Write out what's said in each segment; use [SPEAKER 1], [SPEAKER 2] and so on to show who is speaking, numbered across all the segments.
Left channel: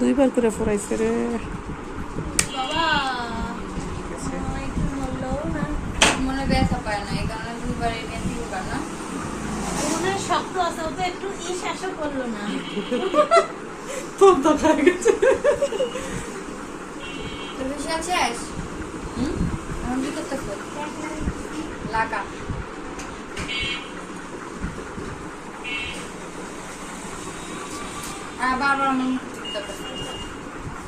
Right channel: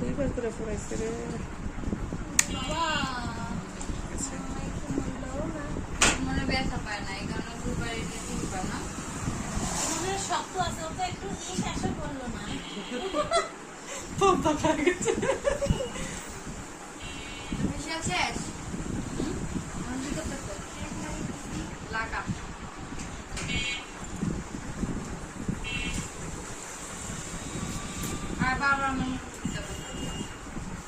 [SPEAKER 1] দুইবার করে ফোরাইছে রে।
[SPEAKER 2] মনে
[SPEAKER 3] মনে
[SPEAKER 2] লাগা মন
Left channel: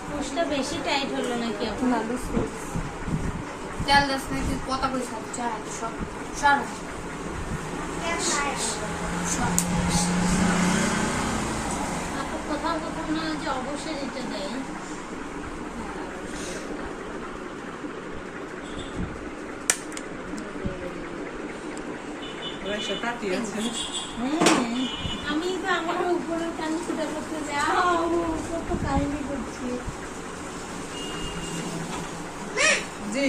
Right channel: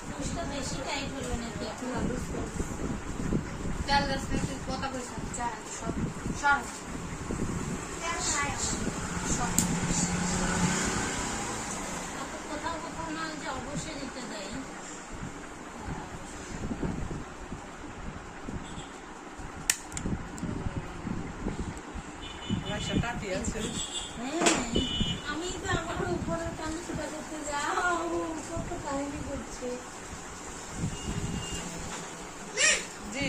[SPEAKER 3] পুষটা বেশি টাইট হলো নাকি এখন?
[SPEAKER 2] তেল দাস নাকি কথা পয়সা চাই সব সর সর।
[SPEAKER 3] আপু কোথাও কোথাও না যে অবশ্যই দিতে দেয়। হ্যাঁ আমি তো আমার উপরে কানি সেটা করতে যাই
[SPEAKER 1] জি।